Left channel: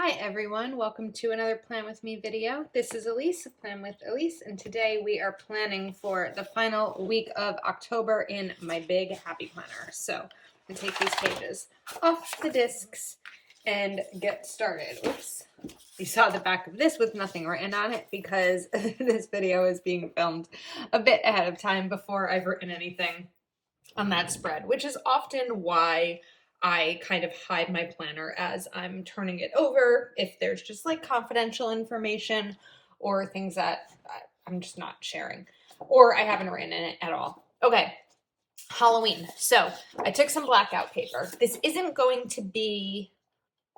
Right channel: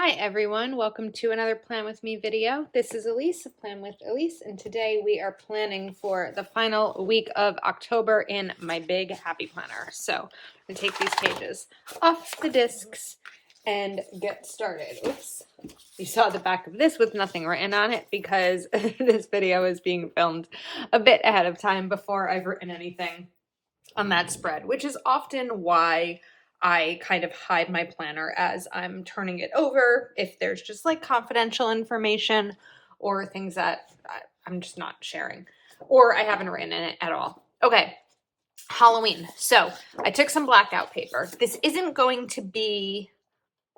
Hi everyone, welcome to another Plan With Me video. This is Elise of Plan With Elise, and today we are planning for the final week of October in my big happy planner. So I'm gonna take these pages off the discs and get started. Oops. You saw the back of this with nothing written on it because this video is being filmed a bit ahead of time before I've written anything on that spread, which is often why I kind of hide my planner as I'm turning it over if there's just like confidential information or things that I'm just not sharing or I haven't written in it at all. Okay, Halloween. So I took some blackout paper. This isn't going to be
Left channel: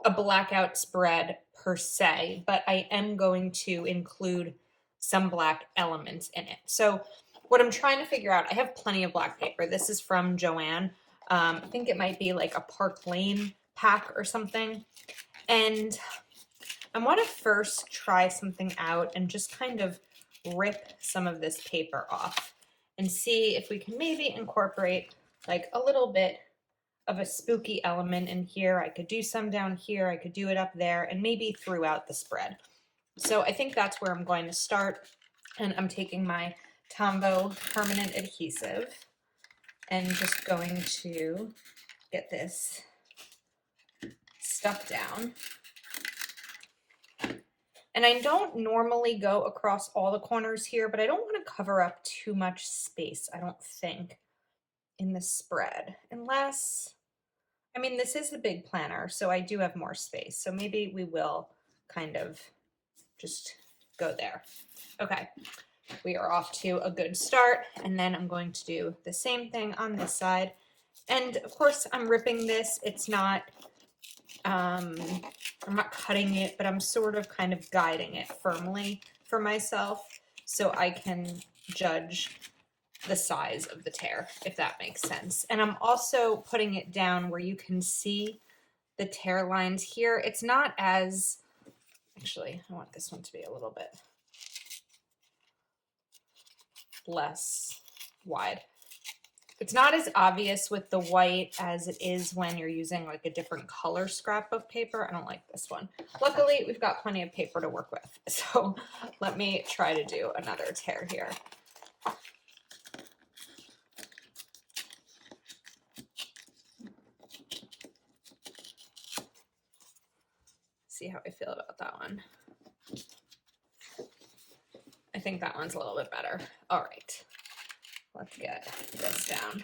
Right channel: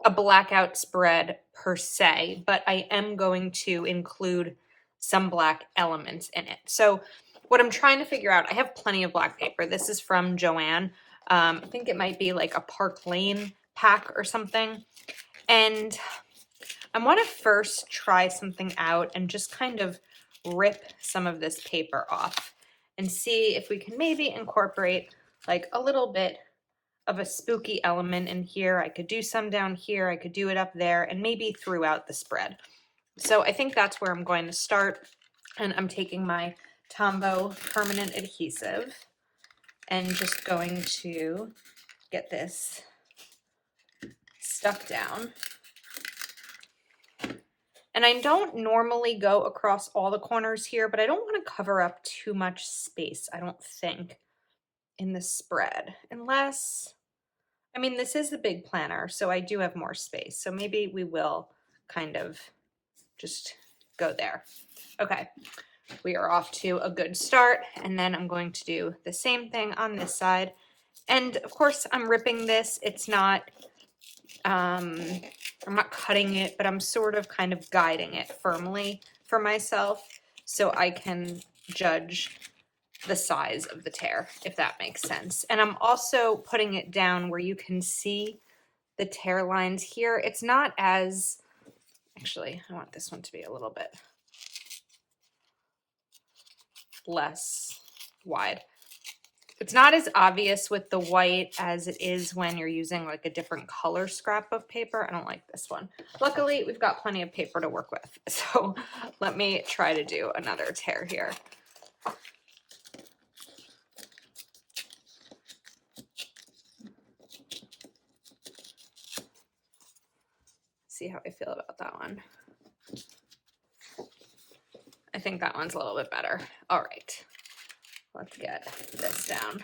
a blackout spread per se, but I am going to include some black elements in it. So what I'm trying to figure out, I have plenty of black paper. This is from Joann. I think it might be like a Park Lane pack or something. And I want to first try something out and just kind of rip some of this paper off and see if we can maybe incorporate like a little bit of a spooky element in here. I could do some down here, I could do it up there, and maybe throughout the spread. So I think that's where I'm going to start. And I'm taking my Tombow permanent adhesive and just going to get this stuck down. And I don't normally go across all the corners here, but I don't want to cover up too much space, I don't think, in the spread. Unless, I mean, this is the big planner, so I do have more space. So maybe we will kind of just go there. Okay, we are off to a good start. And then I'm going to do the same thing on this side. And of course, I'm ripping this. It's not, I'm not cutting it, but I'm sort of kind of guiding it firmly for myself so I can judge the size of the tear, if that makes sense. And I'm also putting it down where you can see the tear lines here. It's not as, actually, I want this one to be a little bit less wide. It's not as obvious with the white as it is when you're using like a different color scrap of paper. I don't like this one. Luckily, we've got plenty of paper to work with. So let me try to do another tear here. See how I feel about that one. I think that one's a little bit better. All right, let's get this down.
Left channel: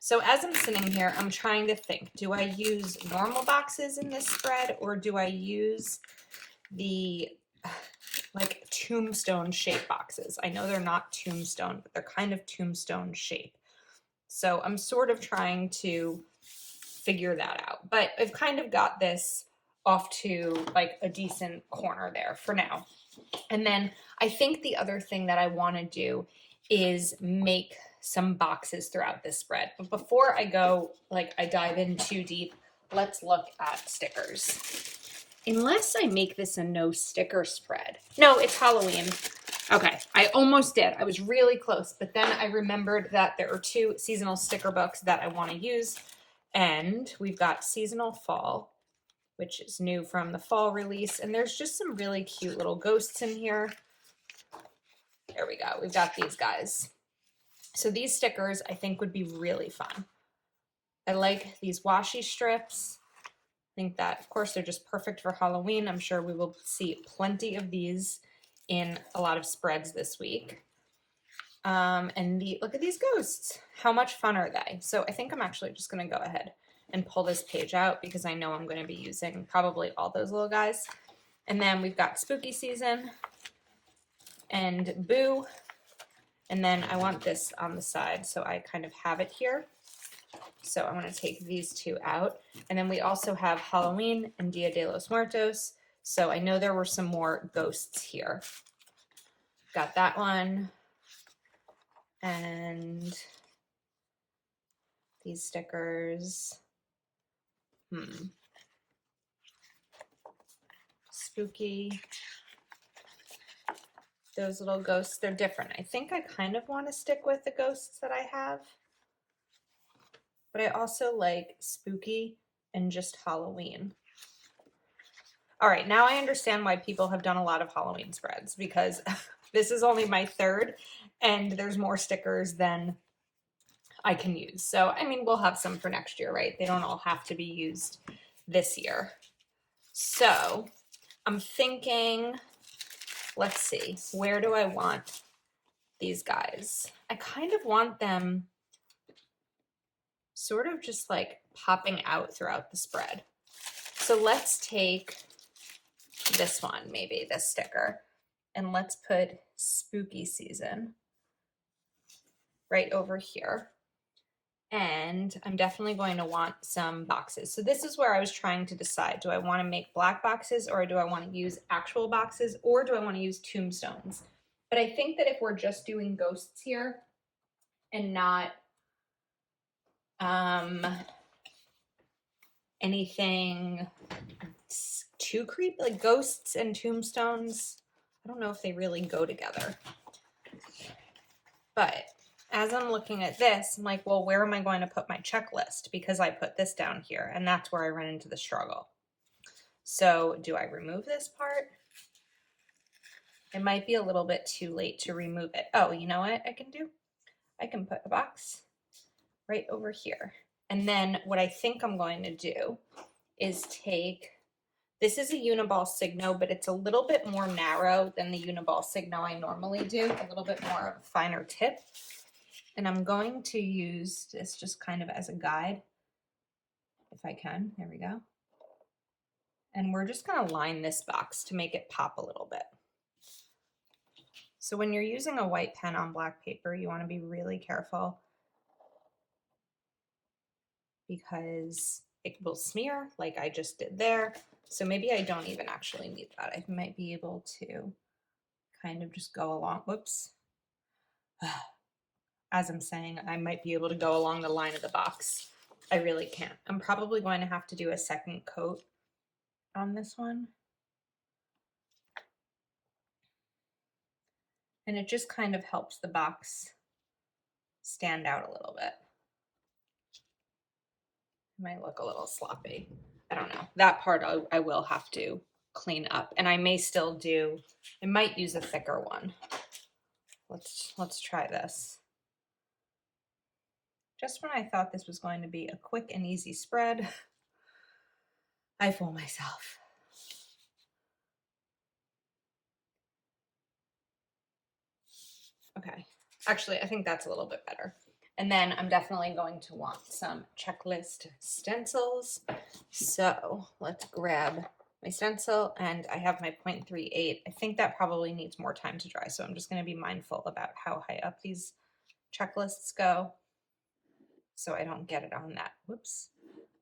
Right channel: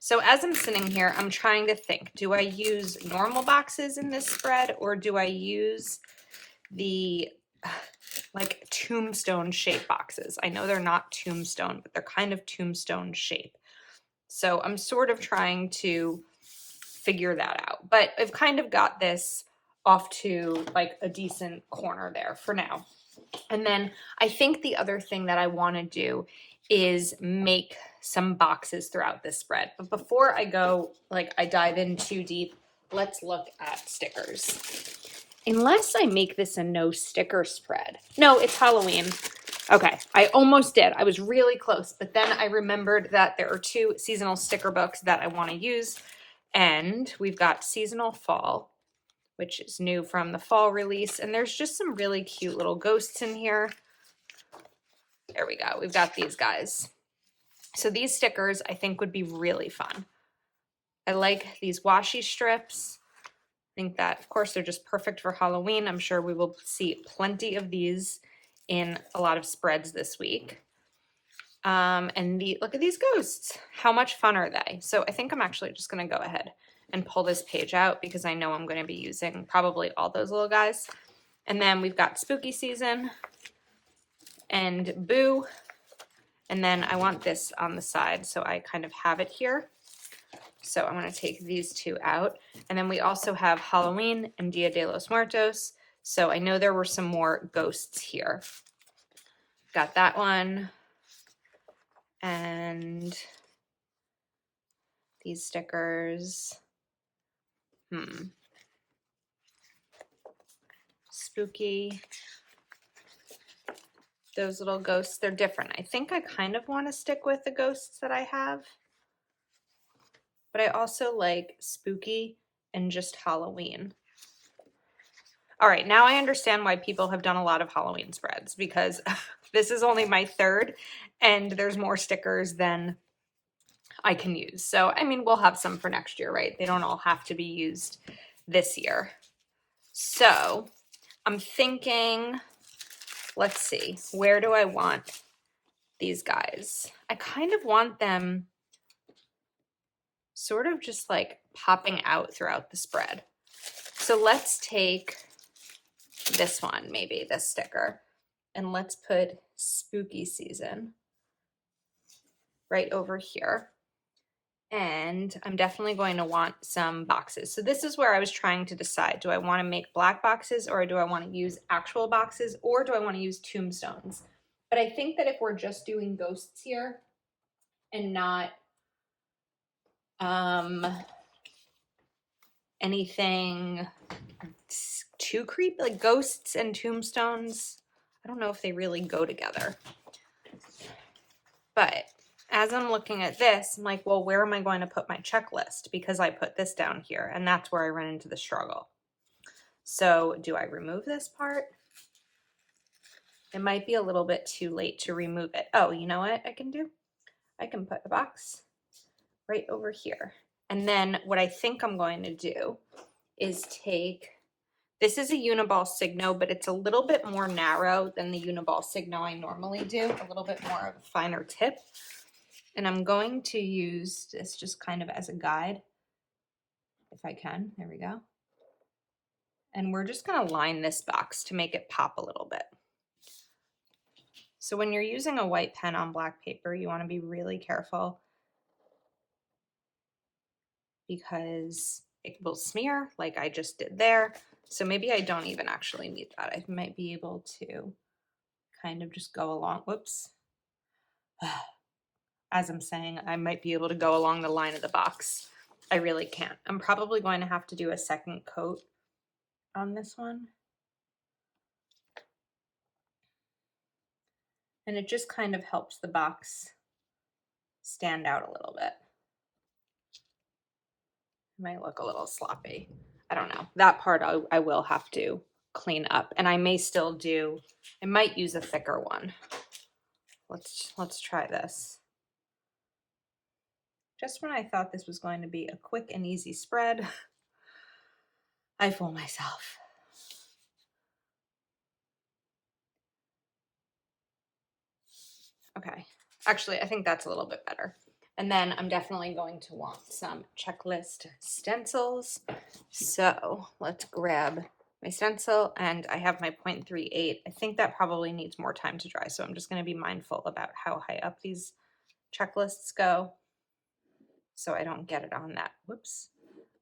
So as I'm sitting here, I'm trying to think, do I use normal boxes in this spread or do I use the like tombstone shape boxes? I know they're not tombstone, but they're kind of tombstone shape. So I'm sort of trying to figure that out, but I've kind of got this off to like a decent corner there for now. And then I think the other thing that I want to do is make some boxes throughout this spread. But before I go, like I dive in too deep, let's look at stickers. Unless I make this a no sticker spread. No, it's Halloween. Okay, I almost did. I was really close, but then I remembered that there are 2 seasonal sticker books that I want to use. And we've got Seasonal Fall, which is new from the fall release. And there's just some really cute little ghosts in here. There we go. We've got these guys. So these stickers I think would be really fun. I like these washi strips. I think that, of course, they're just perfect for Halloween. I'm sure we will see plenty of these in a lot of spreads this week. And look at these ghosts. How much fun are they? So I think I'm actually just going to go ahead and pull this page out because I know I'm going to be using probably all those little guys. And then we've got Spooky Season and Boo. And then I want this on the side, so I kind of have it here. So I'm going to take these 2 out. And then we also have Halloween and Dia de los Muertos. So I know there were some more ghosts here. Got that one. And these stickers. Spooky. Those little ghosts, they're different. I think I kind of want to stick with the ghosts that I have. But I also like Spooky and just Halloween. All right, now I understand why people have done a lot of Halloween spreads, because this is only my third and there's more stickers than I can use. So, I mean, we'll have some for next year, right? They don't all have to be used this year. So, I'm thinking, let's see, where do I want these guys? I kind of want them sort of just like popping out throughout the spread. So let's take this one, maybe this sticker, and let's put spooky season right over here. And I'm definitely going to want some boxes. So this is where I was trying to decide, do I want to make black boxes, or do I want to use actual boxes, or do I want to use tombstones? But I think that if we're just doing ghosts here and not anything too creepy, like ghosts and tombstones, I don't know if they really go together. But as I'm looking at this, I'm like, well, where am I going to put my checklist? Because I put this down here, and that's where I run into the struggle. So do I remove this part? It might be a little bit too late to remove it. Oh, you know what I can do? I can put a box right over here. And then what I think I'm going to do is take, this is a Uniball Signo, but it's a little bit more narrow than the Uniball Signo I normally do, a little bit more of a finer tip. And I'm going to use this just kind of as a guide, if I can. There we go. And we're just going to line this box to make it pop a little bit. So when you're using a white pen on black paper, you want to be really careful because it will smear like I just did there. So maybe I don't even actually need that. I might be able to kind of just go along. Whoops. As I'm saying, I might be able to go along the line of the box. I really can't. I'm probably going to have to do a second coat on this one. And it just kind of helps the box stand out a little bit. It might look a little sloppy. I don't know. That part I will have to clean up, and I may still do, I might use a thicker one. Let's try this. Just when I thought this was going to be a quick and easy spread, I fool myself. Okay, actually, I think that's a little bit better. And then I'm definitely going to want some checklist stencils. So let's grab my stencil, and I have my 0.38. I think that probably needs more time to dry, so I'm just going to be mindful about how high up these checklists go so I don't get it on that, whoops,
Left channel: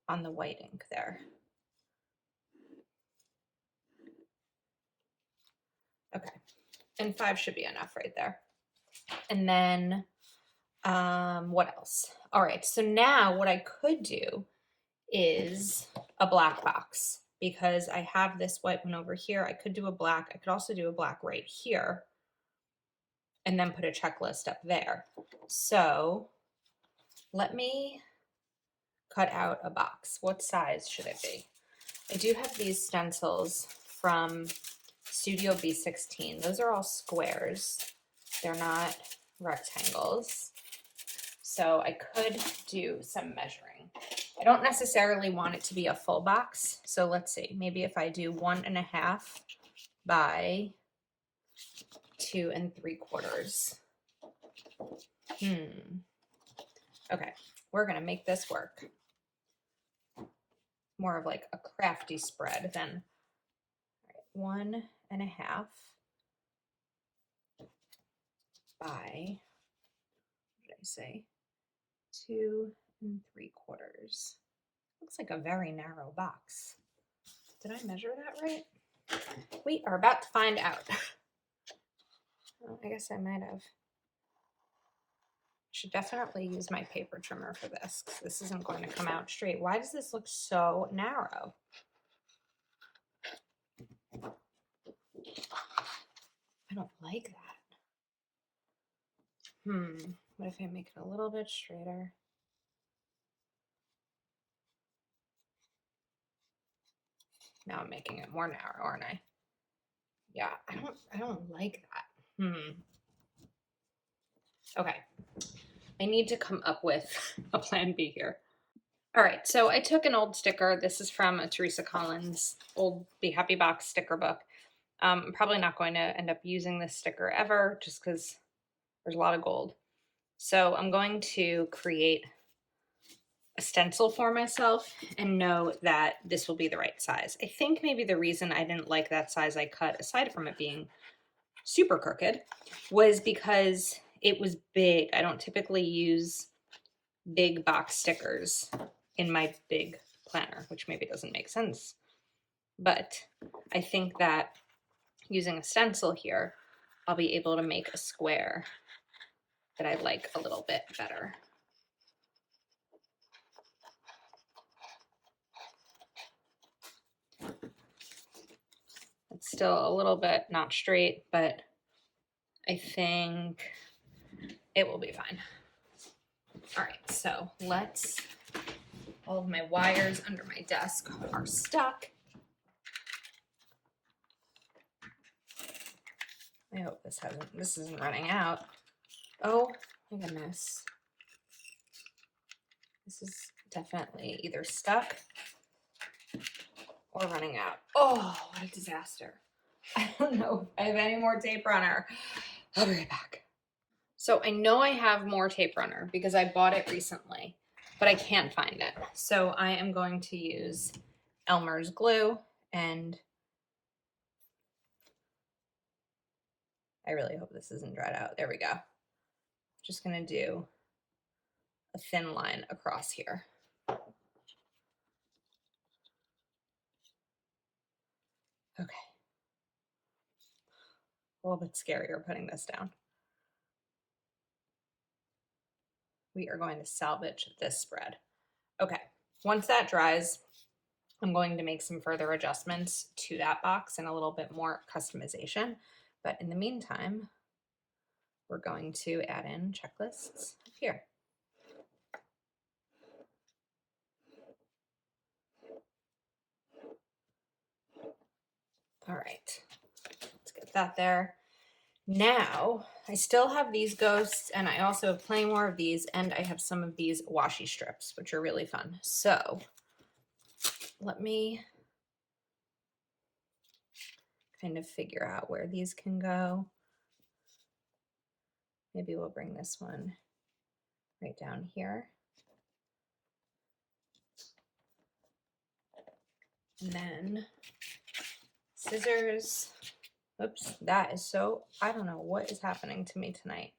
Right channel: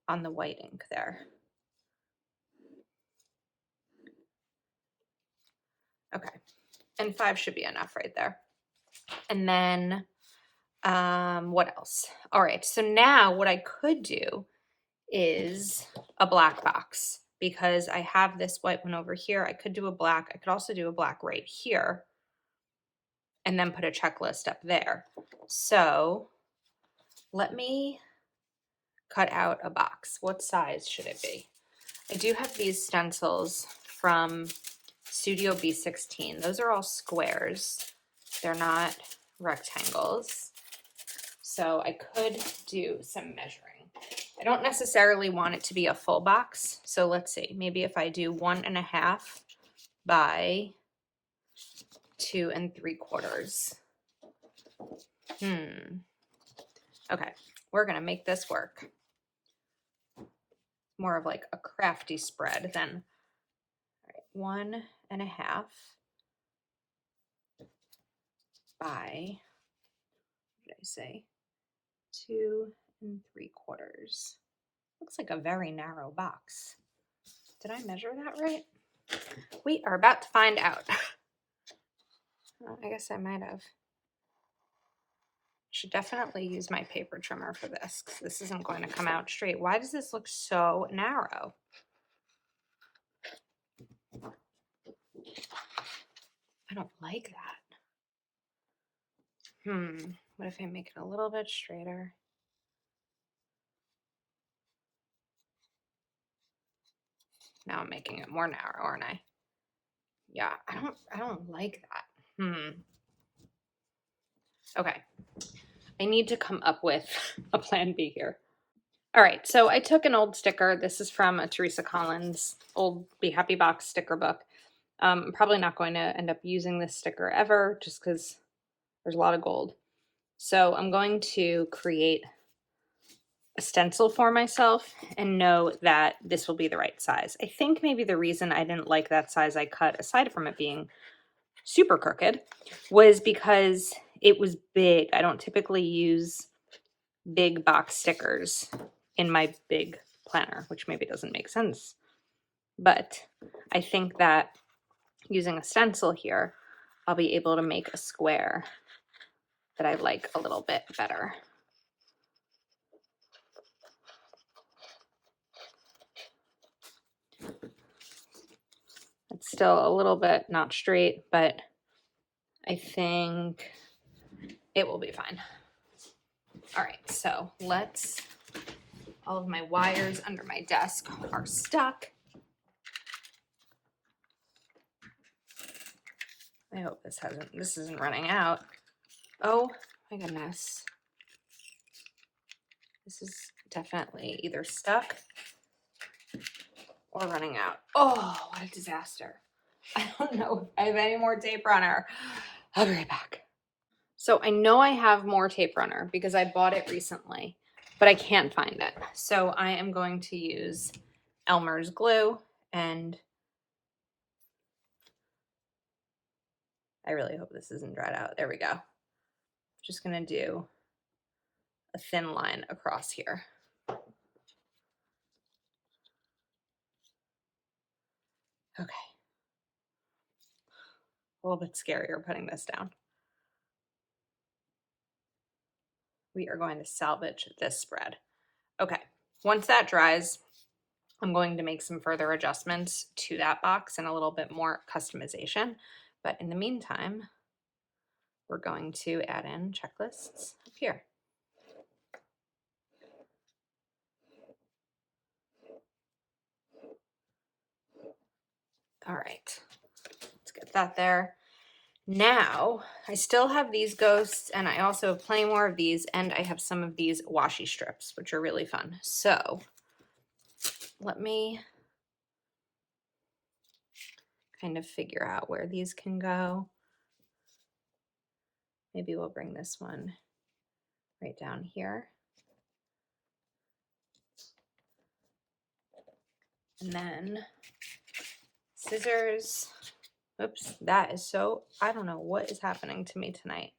on the white ink there. Okay, and 5 should be enough right there. And then what else? All right, so now what I could do is a black box, because I have this white one over here. I could do a black. I could also do a black right here and then put a checklist up there. So let me cut out a box. What size should it be? I do have these stencils from Studio B16. Those are all squares. They're not rectangles. So I could do some measuring. I don't necessarily want it to be a full box. So let's see, maybe if I do 1.5 by 2 3/4. Okay, we're gonna make this work. More of like a crafty spread than, all right, 1.5 by, what did I say? 2 3/4. Looks like a very narrow box. Did I measure that right? We are about to find out. Well, I guess I might have. Should definitely use my paper trimmer for this, because this isn't going to come out straight. Why does this look so narrow? I don't like that. What if I make it a little bit straighter? Now I'm making it more narrow, aren't I? Yeah, I don't like that. Okay. I need to come up with a plan B here. All right, so I took an old sticker. This is from a Teresa Collins old Be Happy Box sticker book. I'm probably not going to end up using this sticker ever just because there's a lot of gold. So I'm going to create a stencil for myself and know that this will be the right size. I think maybe the reason I didn't like that size I cut, aside from it being super crooked, was because it was big. I don't typically use big box stickers in my big planner, which maybe doesn't make sense. But I think that using a stencil here, I'll be able to make a square that I like a little bit better. It's still a little bit not straight, but I think it will be fine. All right, so all of my wires under my desk are stuck. I hope this isn't running out. Oh my goodness. This is definitely either stuck or running out. Oh, what a disaster. I don't know if I have any more tape runner. I'll be right back. So I know I have more tape runner because I bought it recently, but I can't find it. So I am going to use Elmer's glue, and I really hope this isn't dried out. There we go. Just gonna do a thin line across here. Okay. A little bit scarier putting this down. We are going to salvage this spread. Okay, once that dries, I'm going to make some further adjustments to that box and a little bit more customization. But in the meantime, we're going to add in checklists up here. All right, let's get that there. Now, I still have these ghosts, and I also have plenty more of these, and I have some of these washi strips, which are really fun. So let me kind of figure out where these can go. Maybe we'll bring this one right down here. And then scissors. Oops, that is so, I don't know what is happening to me tonight.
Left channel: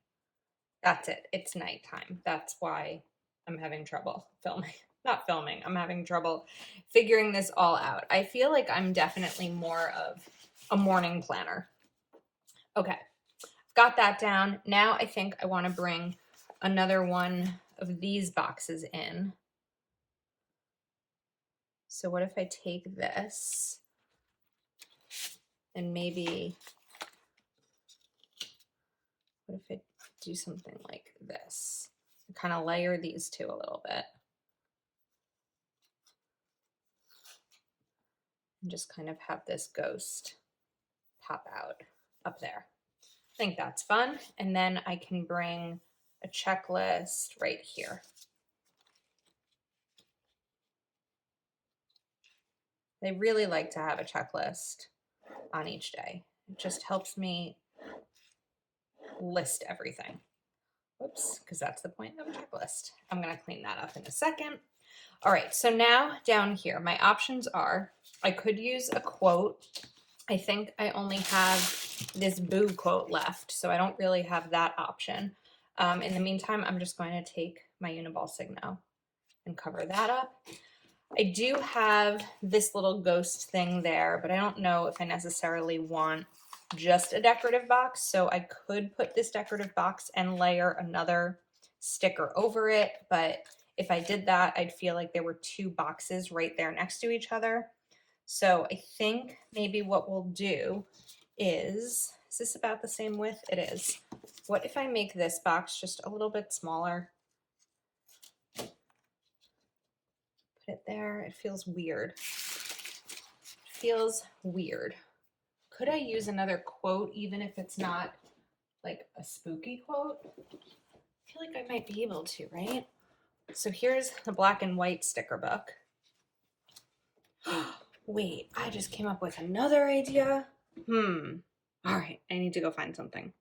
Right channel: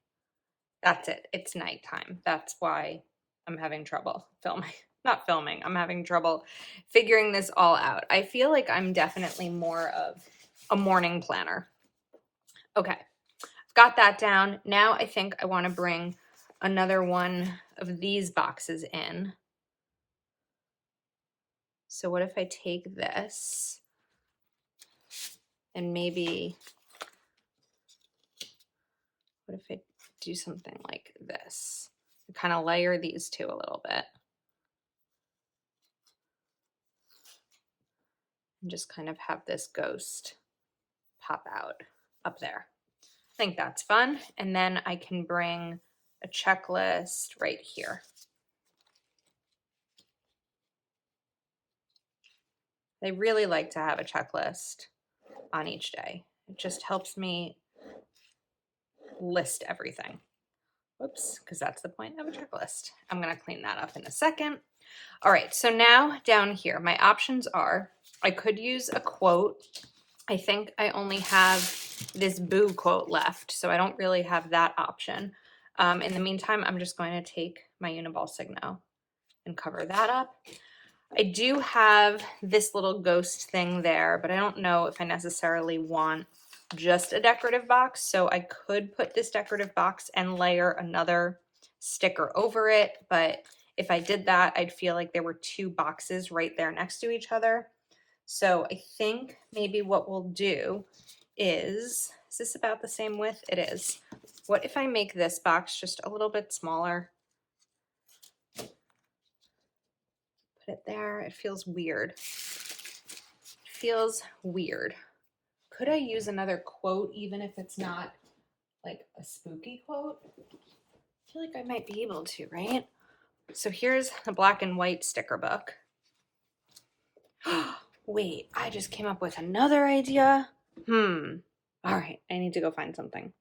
That's it. It's nighttime. That's why I'm having trouble filming. Not filming. I'm having trouble figuring this all out. I feel like I'm definitely more of a morning planner. Okay, got that down. Now I think I want to bring another one of these boxes in. So what if I take this and maybe, what if I do something like this? Kind of layer these two a little bit. And just kind of have this ghost pop out up there. I think that's fun. And then I can bring a checklist right here. I really like to have a checklist on each day. It just helps me list everything. Whoops, because that's the point of a checklist. I'm going to clean that up in a second. All right, so now down here, my options are, I could use a quote. I think I only have this Boo quote left, so I don't really have that option. In the meantime, I'm just going to take my Uniball Signo and cover that up. I do have this little ghost thing there, but I don't know if I necessarily want just a decorative box, so I could put this decorative box and layer another sticker over it, but if I did that, I'd feel like there were two boxes right there next to each other. So I think maybe what we'll do is this about the same width? It is. What if I make this box just a little bit smaller? Put it there. It feels weird. It feels weird. Could I use another quote even if it's not like a spooky quote? I feel like I might be able to, right? So here's the black and white sticker book. Wait, I just came up with another idea. All right, I need to go find something.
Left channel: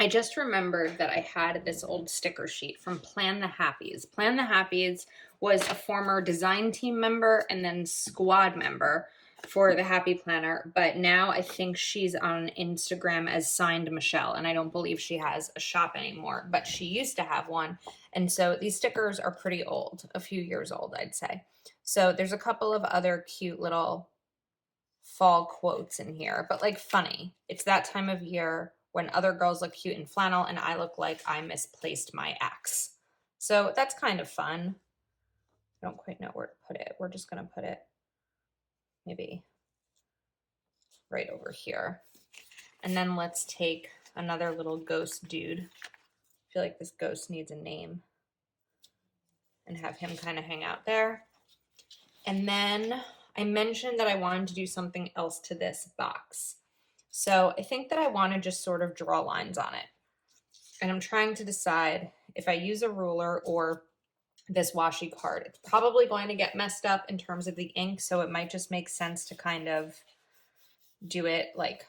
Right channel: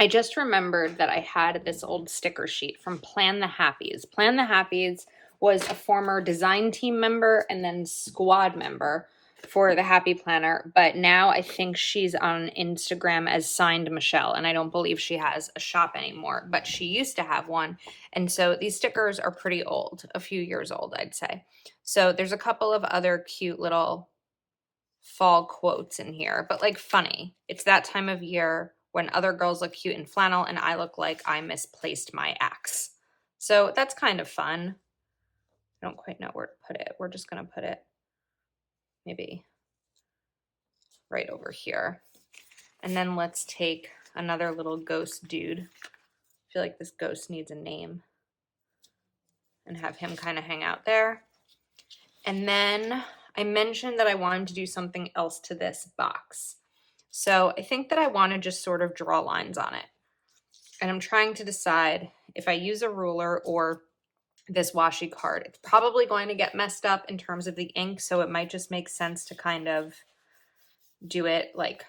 I just remembered that I had this old sticker sheet from Plan the Happies. Plan the Happies was a former design team member and then squad member for the Happy Planner, but now I think she's on Instagram as Signed Michelle, and I don't believe she has a shop anymore, but she used to have one. And so these stickers are pretty old, a few years old, I'd say. So there's a couple of other cute little fall quotes in here, but like funny. It's that time of year when other girls look cute in flannel and I look like I misplaced my axe. So that's kind of fun. I don't quite know where to put it. We're just going to put it maybe right over here. And then let's take another little ghost dude. I feel like this ghost needs a name. And have him kind of hang out there. And then I mentioned that I wanted to do something else to this box. So I think that I want to just sort of draw lines on it. And I'm trying to decide if I use a ruler or this washi card. It's probably going to get messed up in terms of the ink, so it might just make sense to kind of do it like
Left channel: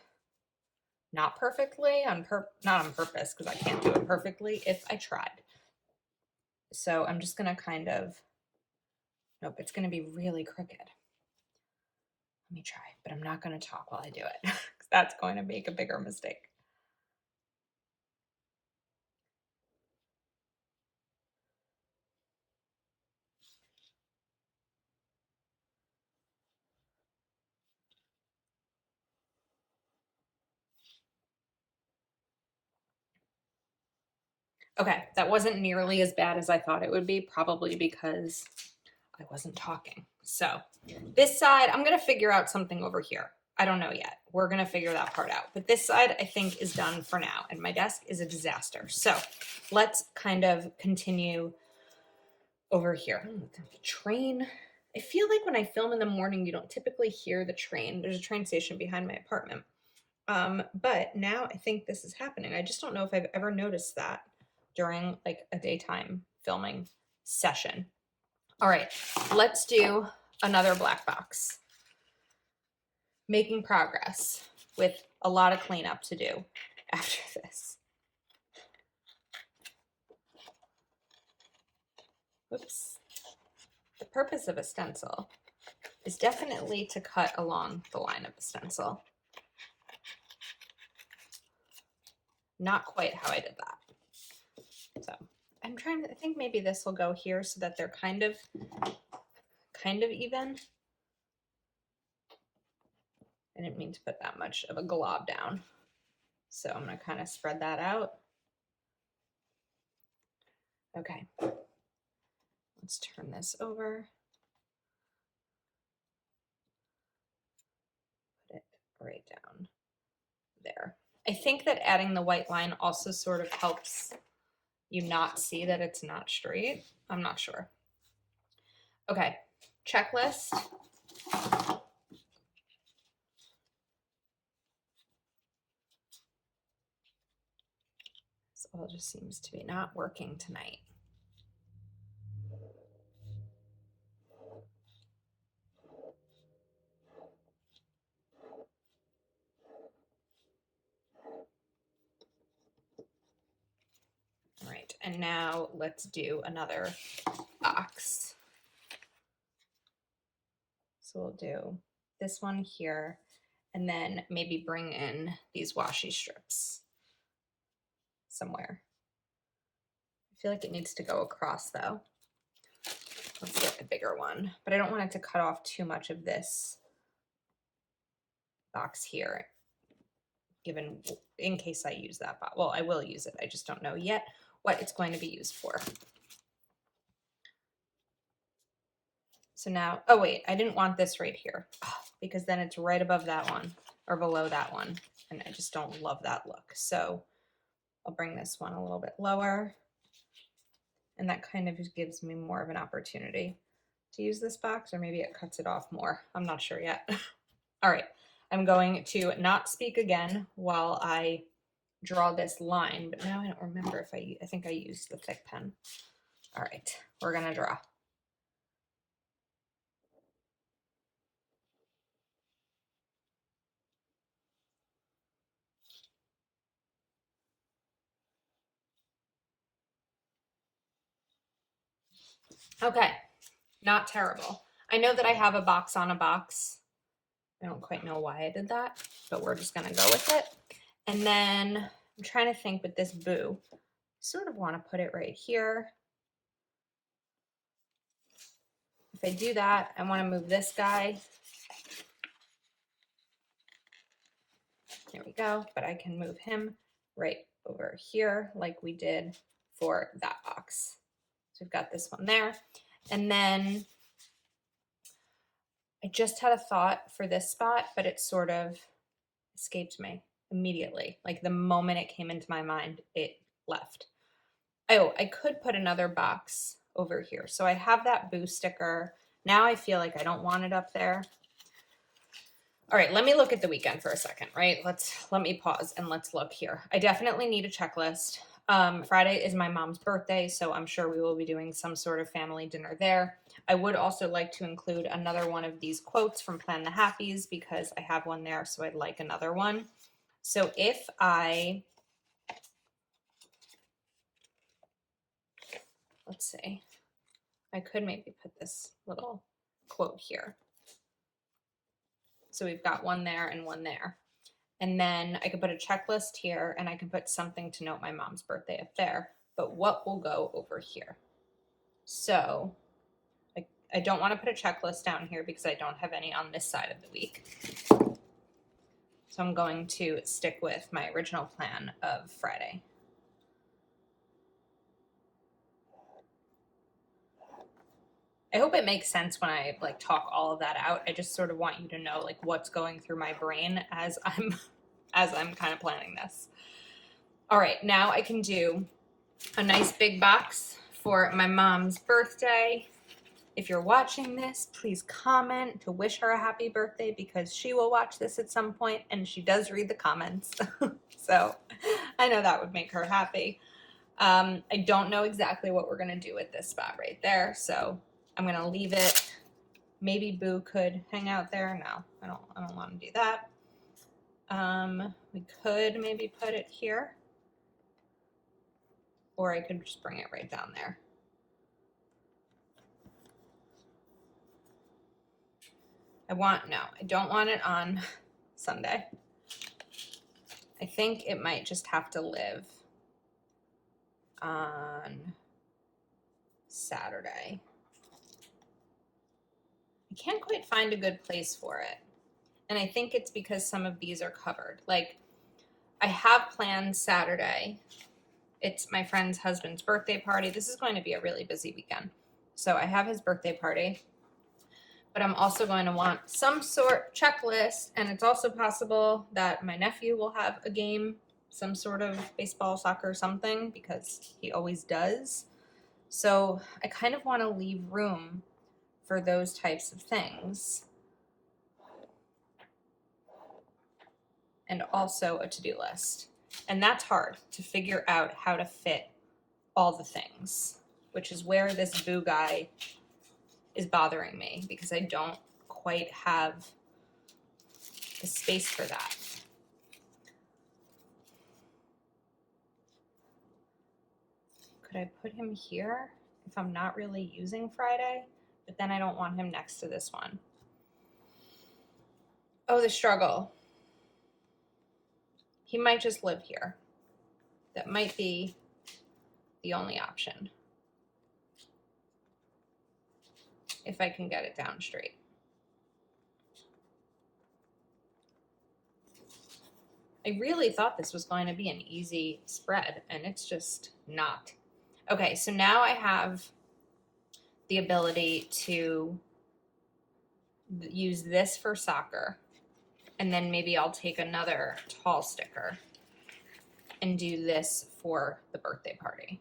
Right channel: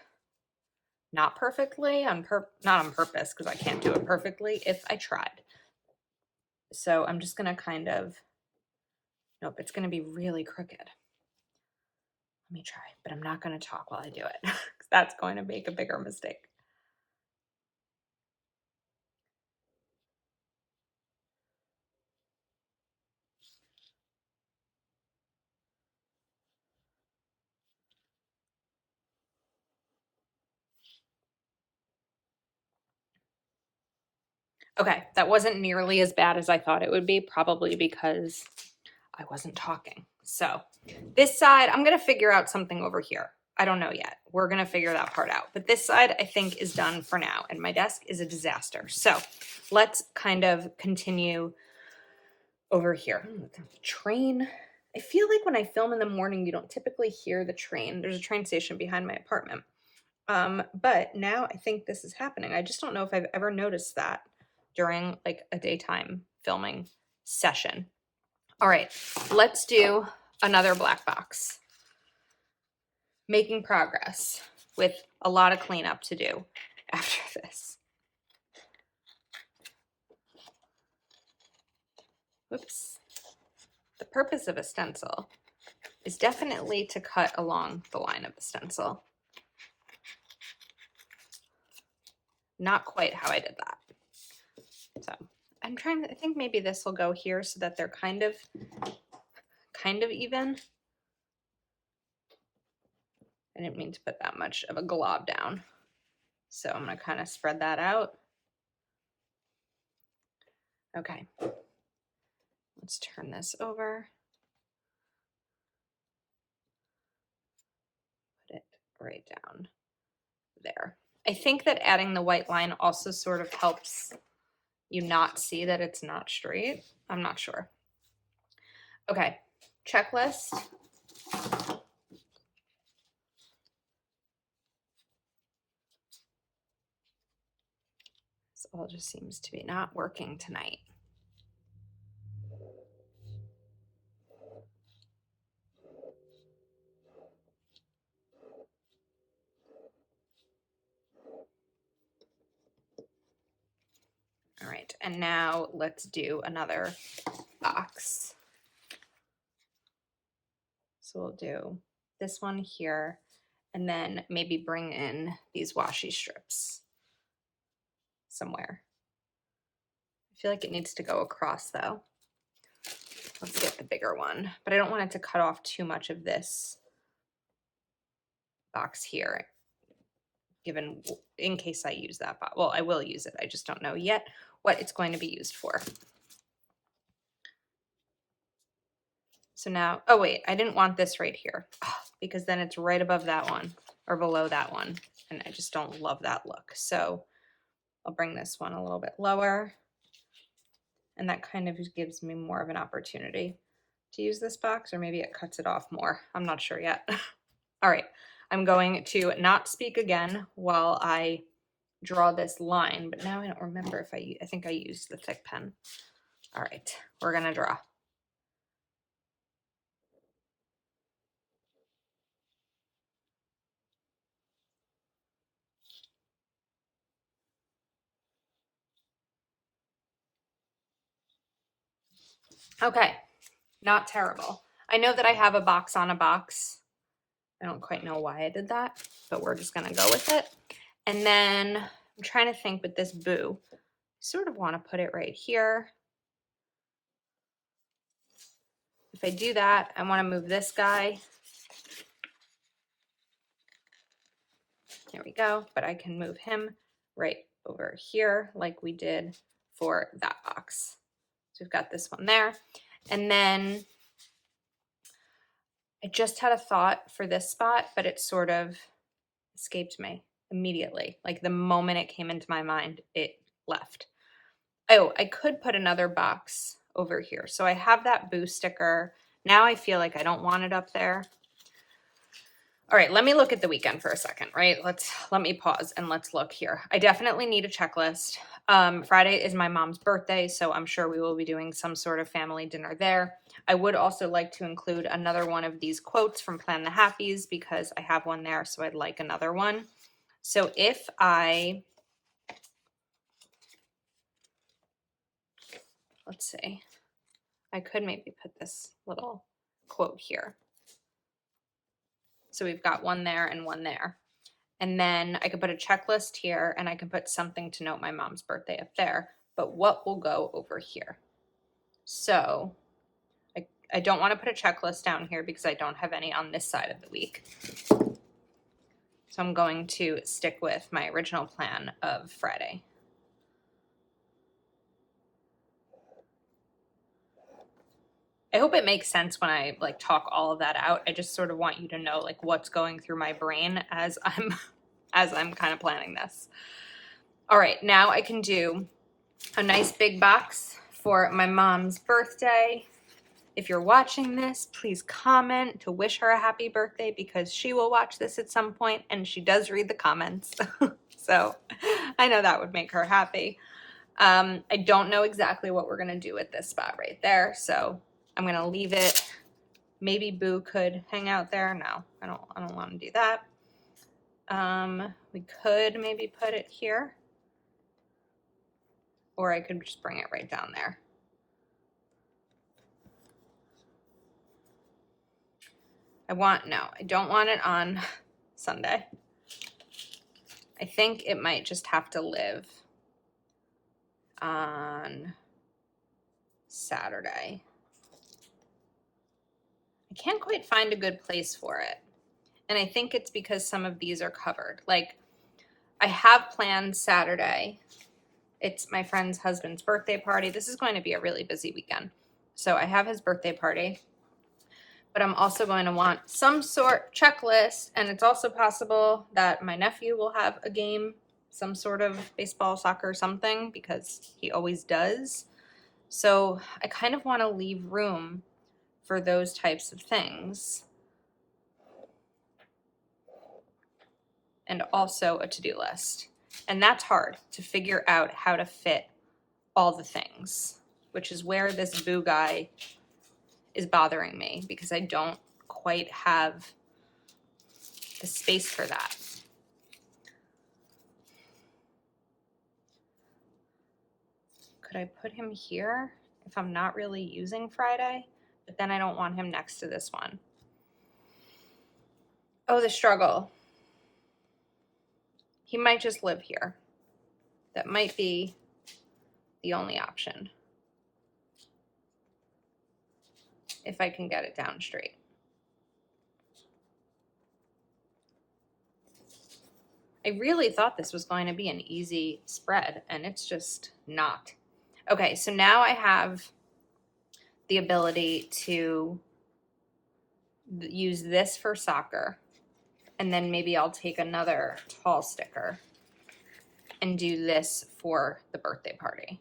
not perfectly, not on purpose, because I can't do it perfectly if I tried. So I'm just going to kind of, nope, it's going to be really crooked. Let me try, but I'm not going to talk while I do it, because that's going to make a bigger mistake. Okay, that wasn't nearly as bad as I thought it would be, probably because I wasn't talking. So this side, I'm going to figure out something over here. I don't know yet. We're going to figure that part out. But this side, I think, is done for now. And my desk is a disaster. So let's kind of continue over here. Train. I feel like when I film in the morning, you don't typically hear the train. There's a train station behind my apartment. But now I think this is happening. I just don't know if I've ever noticed that during like a daytime filming session. All right, let's do another black box. Making progress with a lot of cleanup to do after this. Whoops. The purpose of a stencil is definitely to cut along the line of the stencil. Not quite how I did that. So I'm trying to, I think maybe this will go here so that they're kind of even. I didn't mean to put that much of a glob down. So I'm going to kind of spread that out. Okay. Let's turn this over. Put it right down there. I think that adding the white line also sort of helps you not see that it's not straight. I'm not sure. Okay, checklist. This all just seems to be not working tonight. All right, and now let's do another box. So we'll do this one here, and then maybe bring in these washi strips somewhere. I feel like it needs to go across though. Let's get the bigger one, but I don't want it to cut off too much of this box here, given in case I use that box. Well, I will use it. I just don't know yet what it's going to be used for. So now, oh wait, I didn't want this right here because then it's right above that one or below that one. And I just don't love that look. So I'll bring this one a little bit lower. And that kind of gives me more of an opportunity to use this box, or maybe it cuts it off more. I'm not sure yet. All right, I'm going to not speak again while I draw this line, but now I don't remember if I think I used the thick pen. All right, we're gonna draw. Okay, not terrible. I know that I have a box on a box. I don't quite know why I did that, but we're just gonna go with it. And then I'm trying to think with this boo. I sort of want to put it right here. If I do that, I want to move this guy. There we go, but I can move him right over here like we did for that box. So we've got this one there. And then I just had a thought for this spot, but it sort of escaped me immediately. Like the moment it came into my mind, it left. Oh, I could put another box over here. So I have that boo sticker. Now I feel like I don't want it up there. All right, let me look at the weekend for a second, right? Let me pause and let's look here. I definitely need a checklist. Friday is my mom's birthday, so I'm sure we will be doing some sort of family dinner there. I would also like to include another one of these quotes from Plan the Happies because I have one there, so I'd like another one. So if let's see, I could maybe put this little quote here. So we've got one there and one there. And then I could put a checklist here and I could put something to note my mom's birthday up there. But what will go over here? So I don't want to put a checklist down here because I don't have any on this side of the week. So I'm going to stick with my original plan of Friday. I hope it makes sense when I like talk all of that out. I just sort of want you to know like what's going through my brain as I'm kind of planning this. All right, now I can do a nice big box for my mom's birthday. If you're watching this, please comment to wish her a happy birthday because she will watch this at some point and she does read the comments. So I know that would make her happy. I don't know exactly what we're gonna do with this spot right there, so I'm gonna leave it. Maybe Boo could hang out there. No, I don't want to do that. We could maybe put it here, or I could just bring it right down there. I don't want it on Sunday. I think it might just have to live on Saturday. I can't quite find a good place for it. And I think it's because some of these are covered. Like I have planned Saturday. It's my friend's husband's birthday party. This is going to be a really busy weekend. So I have his birthday party. But I'm also going to want some sort checklist, and it's also possible that my nephew will have a game, some sort of baseball, soccer, something, because he always does. So I kind of want to leave room for those types of things. And also a to-do list. And that's hard to figure out how to fit all the things, which is where this Boo guy is bothering me because I don't quite have the space for that. Could I put him here if I'm not really using Friday? But then I don't want him next to this one. Oh, the struggle. He might just live here. That might be the only option. If I can get it down straight. I really thought this was going to be an easy spread, and it's just not. Okay, so now I have the ability to use this for soccer, and then maybe I'll take another tall sticker and do this for the birthday party.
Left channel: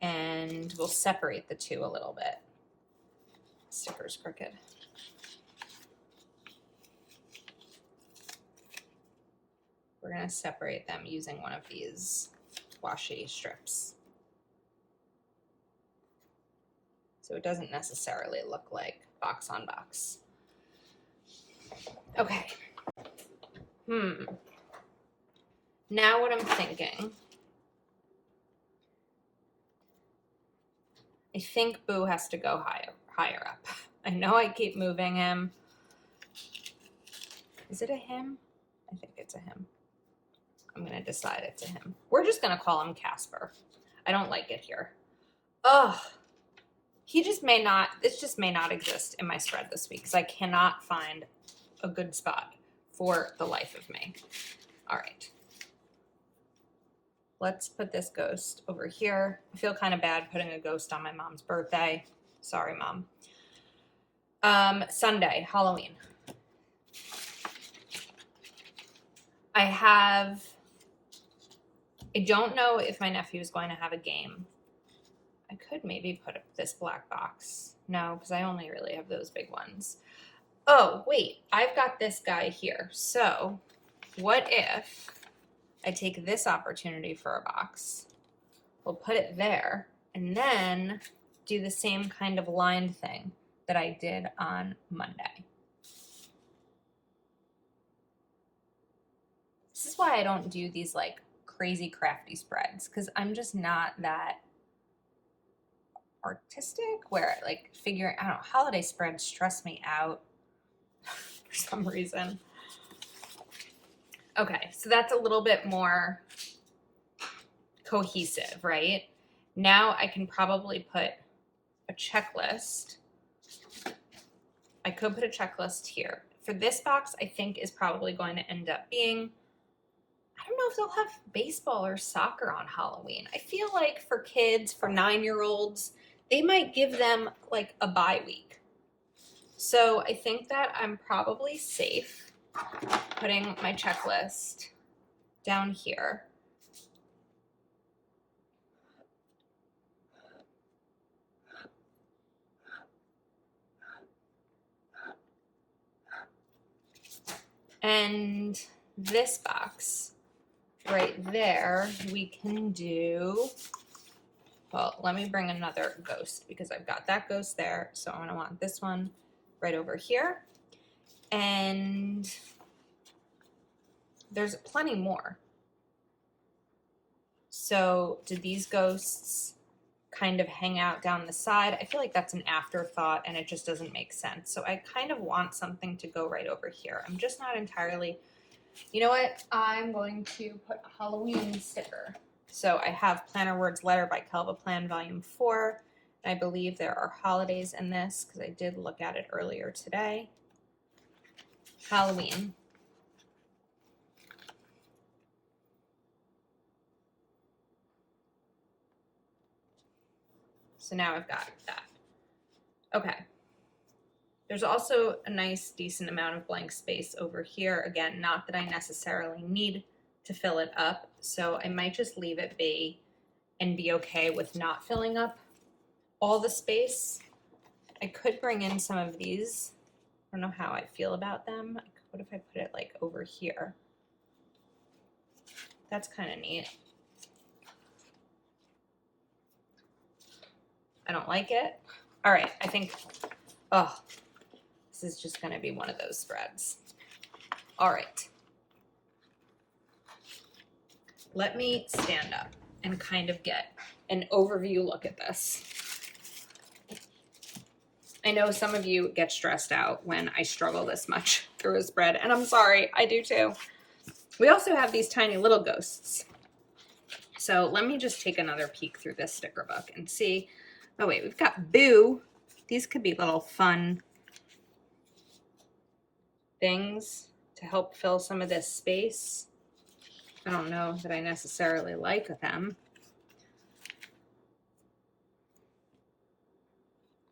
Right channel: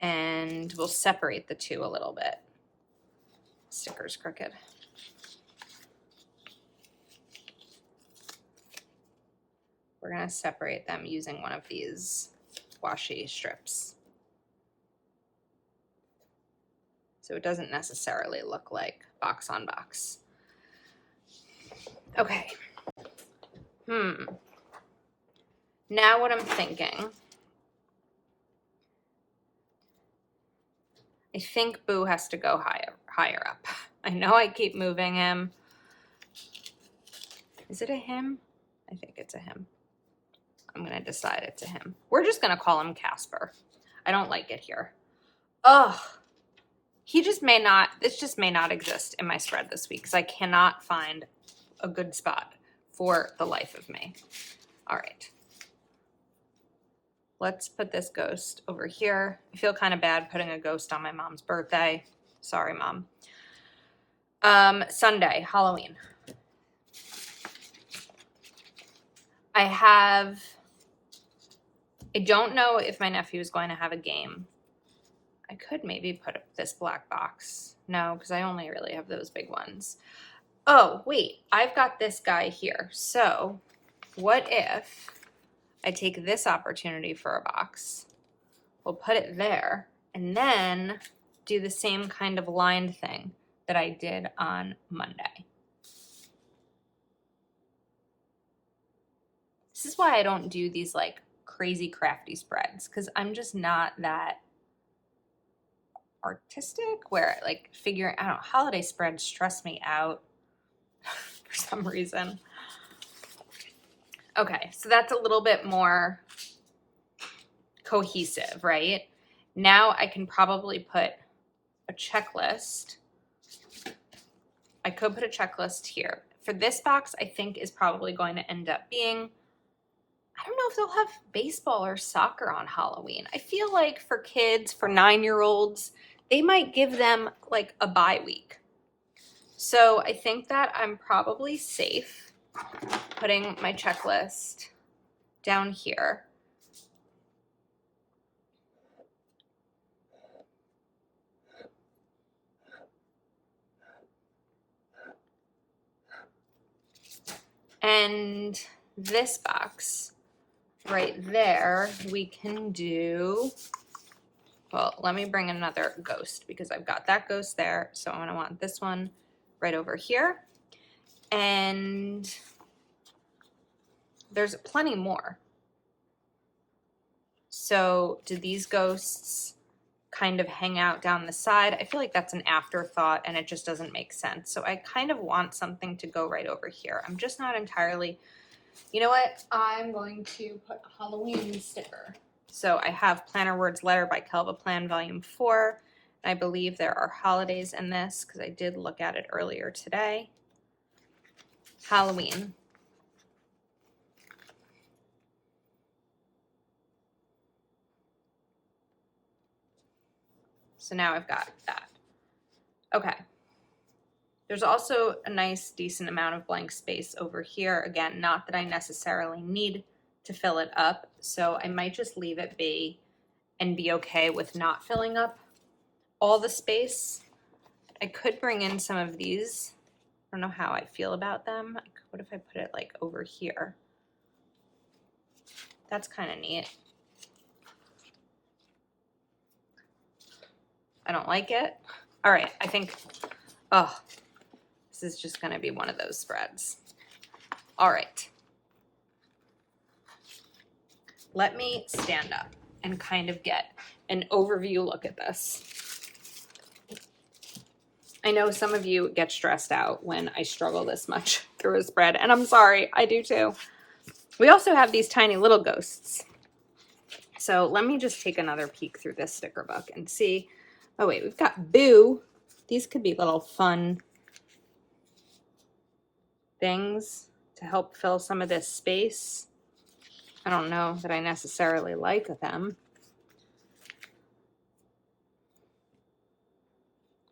And we'll separate the two a little bit. Sticker's crooked. we're going to separate them using one of these washi strips. So it doesn't necessarily look like box on box. Okay. Now what I'm thinking, I think Boo has to go higher up. I know I keep moving him. Is it a him? I think it's a him. I'm going to decide it's a him. We're just going to call him Casper. I don't like it here. Ugh. This just may not exist in my spread this week because I cannot find a good spot for the life of me. All right. Let's put this ghost over here. I feel kind of bad putting a ghost on my mom's birthday. Sorry, Mom. Sunday, Halloween. I don't know if my nephew is going to have a game. I could maybe put this black box. No, because I only really have those big ones. Oh, wait, I've got this guy here. So what if I take this opportunity for a box? We'll put it there and then do the same kind of lined thing that I did on Monday. This is why I don't do these like crazy crafty spreads because I'm just not that artistic where like figuring, I don't know, holiday spreads stress me out for some reason. Okay, so that's a little bit more cohesive, right? Now I can probably put a checklist. I could put a checklist here. For this box, I think is probably going to end up being, I don't know if they'll have baseball or soccer on Halloween. I feel like for kids, for 9-year-olds, they might give them like a bye week. So I think that I'm probably safe putting my checklist down here. And this box right there, we can do, well, let me bring another ghost because I've got that ghost there. So I'm going to want this one right over here. And there's plenty more. So do these ghosts kind of hang out down the side? I feel like that's an afterthought and it just doesn't make sense. So I kind of want something to go right over here. I'm just not entirely, you know what? I'm going to put a Halloween sticker. So I have Planner Words Letter by Kelva Plan Volume 4. And I believe there are holidays in this because I did look at it earlier today. Halloween. So now I've got that. Okay. There's also a nice, decent amount of blank space over here. Again, not that I necessarily need to fill it up. So I might just leave it be and be okay with not filling up all the space. I could bring in some of these. I don't know how I feel about them. What if I put it like over here? That's kind of neat. I don't like it. All right, I think, oh, this is just going to be one of those spreads. All right. Let me stand up and kind of get an overview look at this. I know some of you get stressed out when I struggle this much through a spread, and I'm sorry, I do too. We also have these tiny little ghosts. So let me just take another peek through this sticker book and see. Oh wait, we've got Boo. These could be little fun things to help fill some of this space. I don't know that I necessarily like them,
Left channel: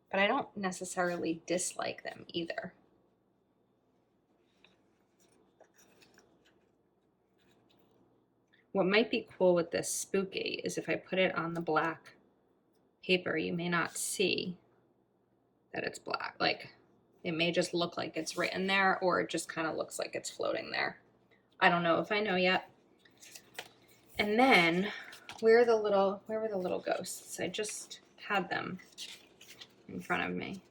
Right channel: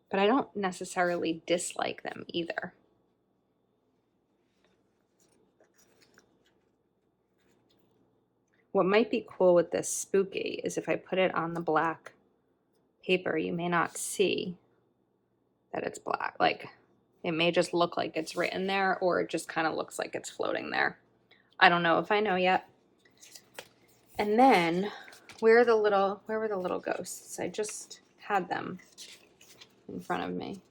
but I don't necessarily dislike them either. What might be cool with this spooky is if I put it on the black paper, you may not see that it's black. Like, it may just look like it's written there, or it just kind of looks like it's floating there. I don't know if I know yet. And then where were the little ghosts? I just had them in front of me.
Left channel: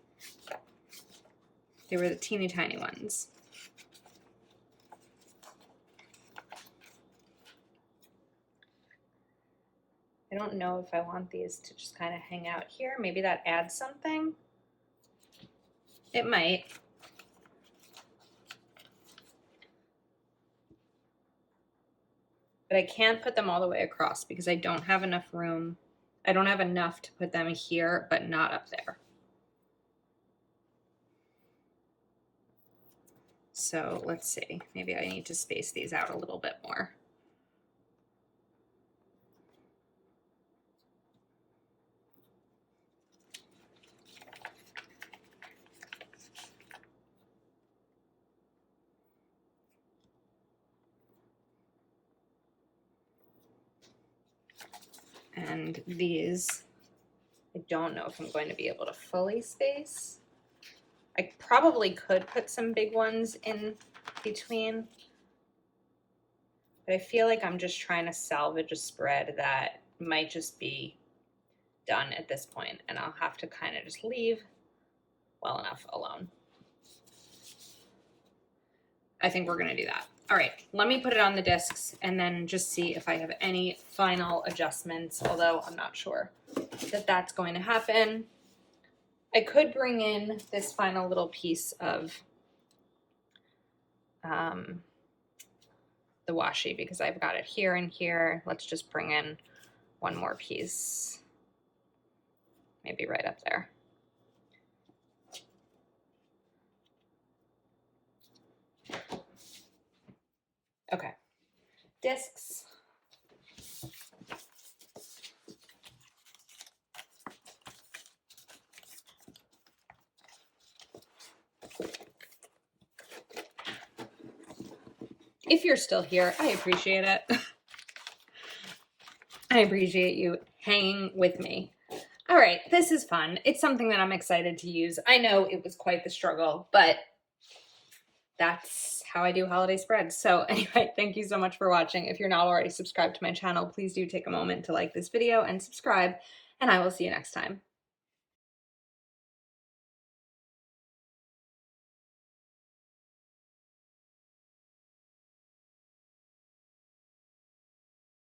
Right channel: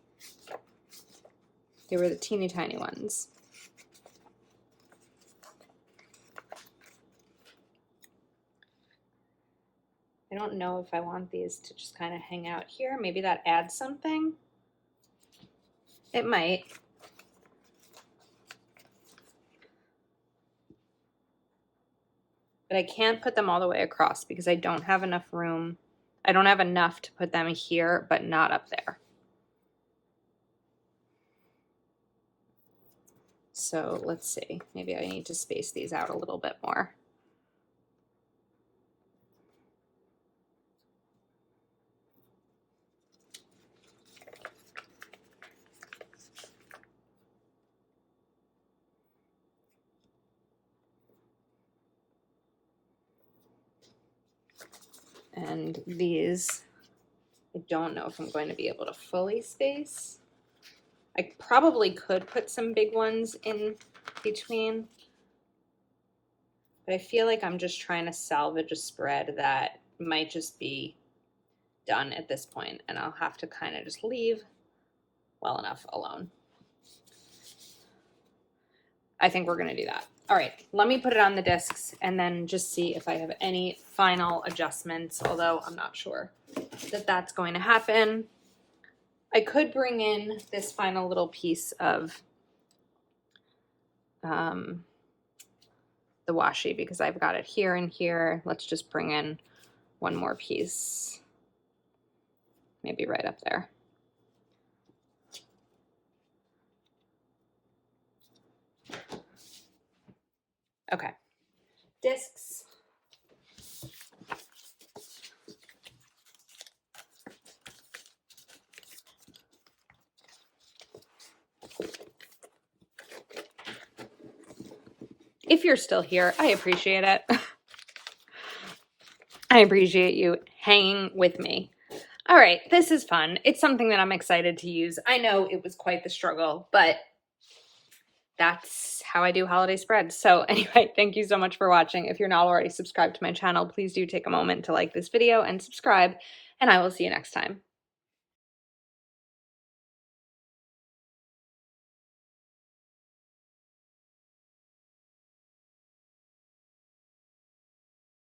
They were the teeny tiny ones. I don't know if I want these to just kind of hang out here. Maybe that adds something. It might. But I can't put them all the way across because I don't have enough room. I don't have enough to put them here, but not up there. So let's see. Maybe I need to space these out a little bit more. And these, I don't know if I'm going to be able to fully space. I probably could put some big ones in between, but I feel like I'm just trying to salvage a spread that might just be done at this point, and I'll have to kind of just leave well enough alone. I think we're gonna do that. All right, let me put it on the discs and then just see if I have any final adjustments, although I'm not sure that that's going to happen. I could bring in this final little piece of the washi because I've got it here and here. Let's just bring in one more piece, maybe right up there. Okay, discs. If you're still here, I appreciate it. I appreciate you hanging with me. All right, this is fun. It's something that I'm excited to use. I know it was quite the struggle, but that's how I do holiday spreads. So anyway, thank you so much for watching. If you're not already subscribed to my channel, please do take a moment to like this video and subscribe, and I will see you next time.